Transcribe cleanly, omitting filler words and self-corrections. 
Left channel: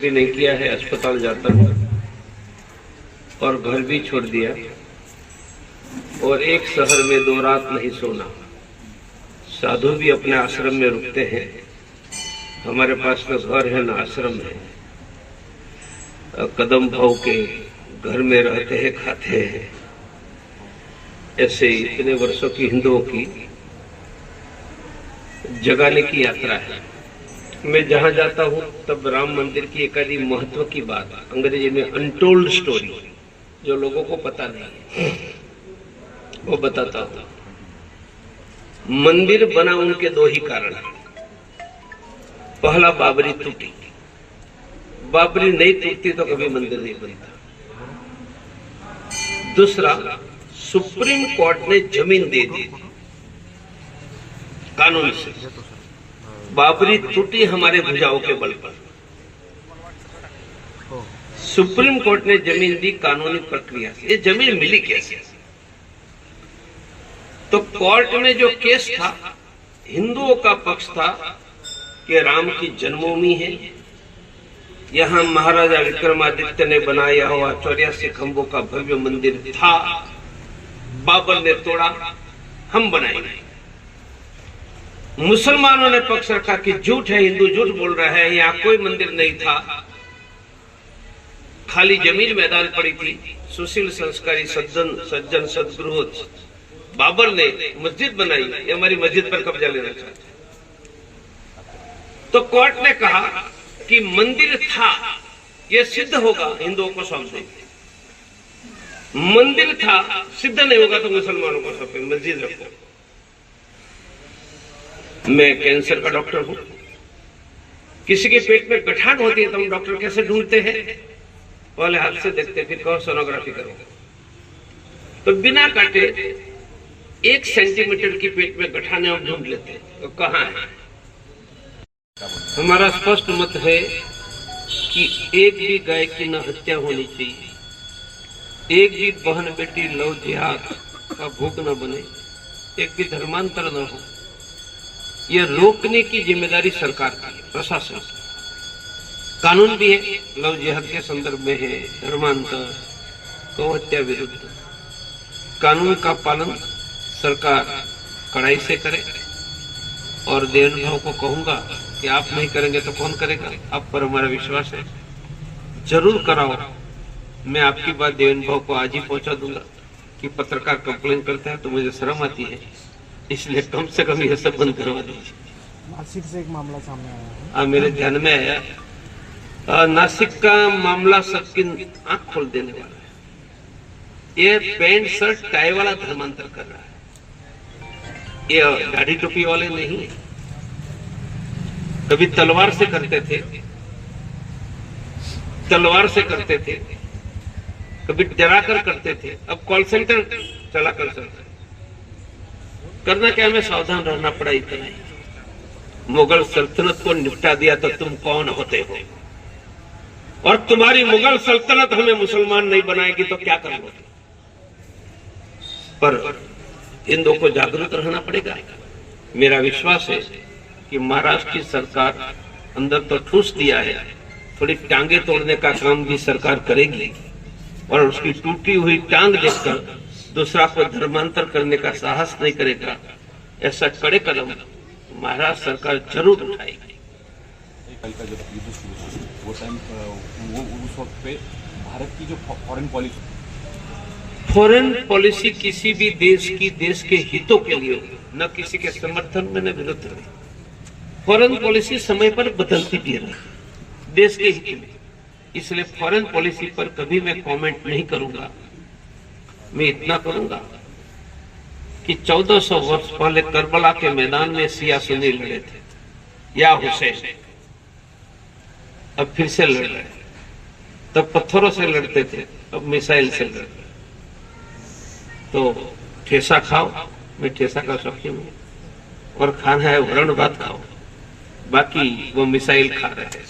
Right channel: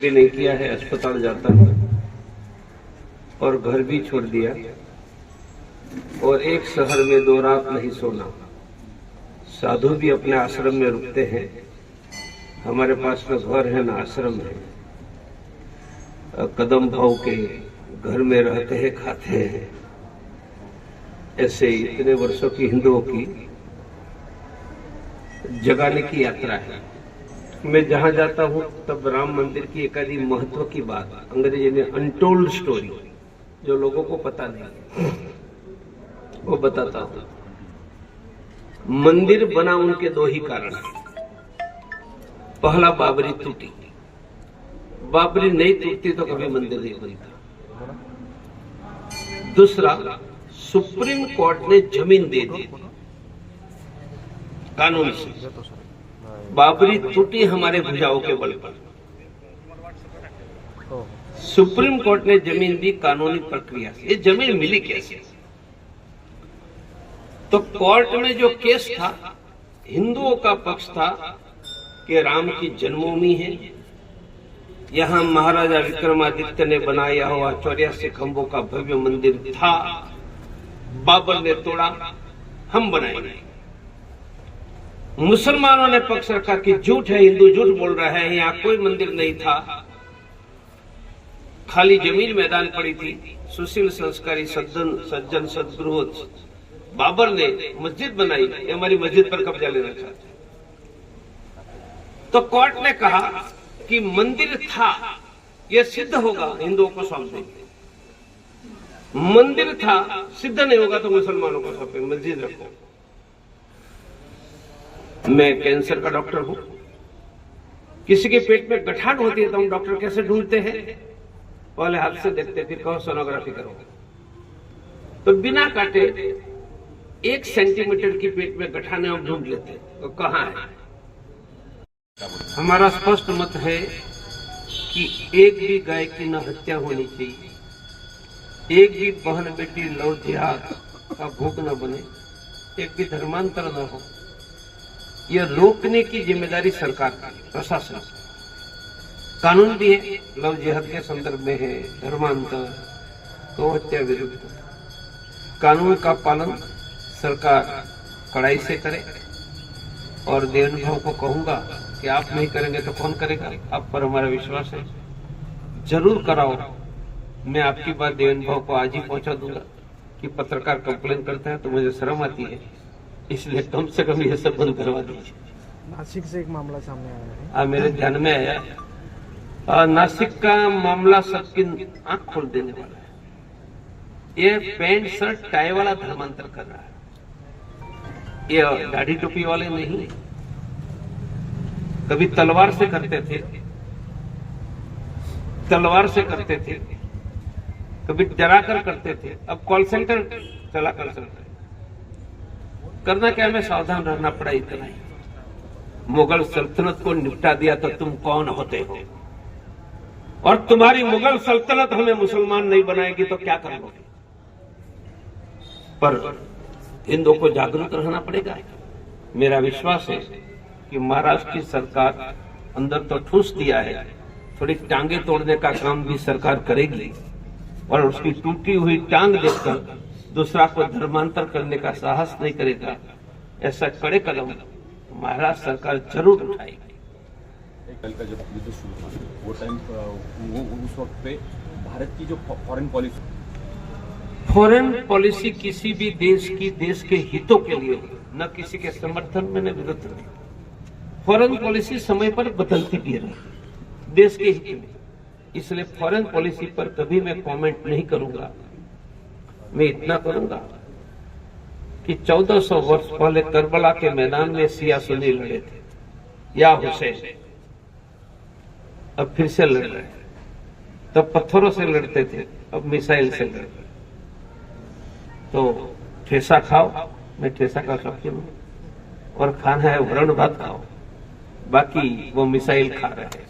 भी नहीं किया है, अस्पताल जाता हूँ और घर भी छोड़ दिया और एक शहर में 2 रात नहीं सोना। साधु भी अपने आश्रम में रुकते हैं, हमारे पास न घर है न आश्रम है। कदम भाव के घर में रहते हैं, खाते हैं। ऐसे इतने वर्षों की हिंदुओं की जगाने की यात्रा है। मैं जहां जाता हूं तब राम मंदिर की एक आधी महत्व की बात, अंग्रेजी में अनटोल्ड स्टोरी, जो लोगों को पता नहीं है, वो बताता हूं। मंदिर बना उनके 2 ही कारण है। पहला, बाबरी टूटी। बाबरी नहीं टूटती तो कभी मंदिर नहीं बनता। दूसरा, सुप्रीम कोर्ट ने जमीन दे दी कानून से। बाबरी टूटी हमारे भुजाओं के बल पर। सुप्रीम कोर्ट ने जमीन दी कानूनी प्रक्रिया से। ये जमीन मिली कैसे? तो कोर्ट में जो केस था, हिंदुओं का पक्ष था कि राम की जन्मभूमि है, यहां महाराजा विक्रमादित्य ने बनाया हुआ 84 खंभों का भव्य मंदिर था, बाबर ने तोड़ा, हम बनाएंगे। मुसलमानों ने पक्ष रखा कि झूठ है, हिंदू झूठ बोल रहा है, यहाँ कोई मंदिर नहीं था, खाली जमीन मैदान पड़ी थी। सुशील संस्कारी सज्जन सदगुरु बाबर ने मस्जिद बनाई, ये हमारी मस्जिद पर कब्जा लेना चाहते। तो कोर्ट ने कहा कि मंदिर था, यह सिद्ध होगा हिंदुओं को सौंपे। मंदिर था, सिद्ध नहीं होगा तो मुसलमानों को सौंपे, मस्जिद रखो। मैं कैंसर का डॉक्टर हूं। किसी के पेट में गठान होती है तो हम डॉक्टर कैसे ढूंढते हैं? पहले हाथ से देखते, फिर कहो सोनोग्राफी करो। तो बिना काटे 1 सेंटीमीटर की पेट में गठाने हम ढूंढ लेते हैं, तो कहां है? हमारा स्पष्ट मत है कि एक भी गाय की न हत्या होनी चाहिए, एक भी बहन बेटी लव जिहाद का भोग न बने, एक भी धर्मांतर न हो। यह रोकने की जिम्मेदारी सरकार की, प्रशासन की। कानून भी है, लव जिहाद के संदर्भ में है, धर्मांतर, गौ हत्या विरुद्ध। कानून का पालन सरकार कड़ाई से करे और देवभाव को कहूंगा कि आप नहीं करेंगे तो कौन करेगा? आप पर हमारा विश्वास है, जरूर कराओ। मैं आपकी बात देवभाव को आज ही पहुंचा दूंगा कि पत्रकार कंप्लेन करता है तो मुझे शर्म आती है, इसलिए कम से कम यह सब बंद करवा दीजिए। नासिक से एक मामला सामने आया है, मेरे ध्यान में आया। नासिक का मामला सबकी आंख खोल देने वाला है। ये पैंट शर्ट टाई वाला धर्मांतर कर रहा है, ये दाढ़ी टोपी वाले नहीं है। कभी तलवार से करते थे, कभी डरा कर करते थे, अब कॉल सेंटर चला कर सकते। करना क्या, हमें सावधान रहना पड़ा इतना ही। मुगल सल्तनत को निपटा दिया तो तुम कौन होते हो? और तुम्हारी मुगल सल्तनत हमें मुसलमान नहीं बनाएगी तो क्या करोगे? पर हिंदुओं को जागरूक रहना पड़ेगा। मेरा विश्वास है कि महाराष्ट्र की सरकार अंदर तो ठूस दिया है, थोड़ी टांगे तोड़ने का काम भी सरकार करेगी और उसकी टूटी हुई टांग देखकर दूसरा को धर्मांतर करने का साहस नहीं करेगा। ऐसा कड़े कदम महाराष्ट्र सरकार जरूर उठाएगी। कल का जब युद्ध शुरू था वो टाइम उस वक्त पे भारत की जो फॉरेन पॉलिसी किसी भी देश के हितों के लिए, न किसी के समर्थन में न विरुद्ध में। फॉरेन पॉलिसी समय पर बदलती भी रही देश के हित में, इसलिए फॉरेन पॉलिसी पर कभी मैं कमेंट नहीं करूंगा। मैं इतना करूंगा कि 1400 वर्ष पहले करबला के मैदान में सिया सुन्नी लड़े थे, या हुसैन, अब फिर से लड़ रहे। तब पत्थरों से लड़ते थे, अब मिसाइल से लड़ रहे। तो ठेसा खाओ, मैं ठेसा का शौकीन हूं, और खाना है वरण भात खाओ, बाकी वो मिसाइल खा रहे हैं।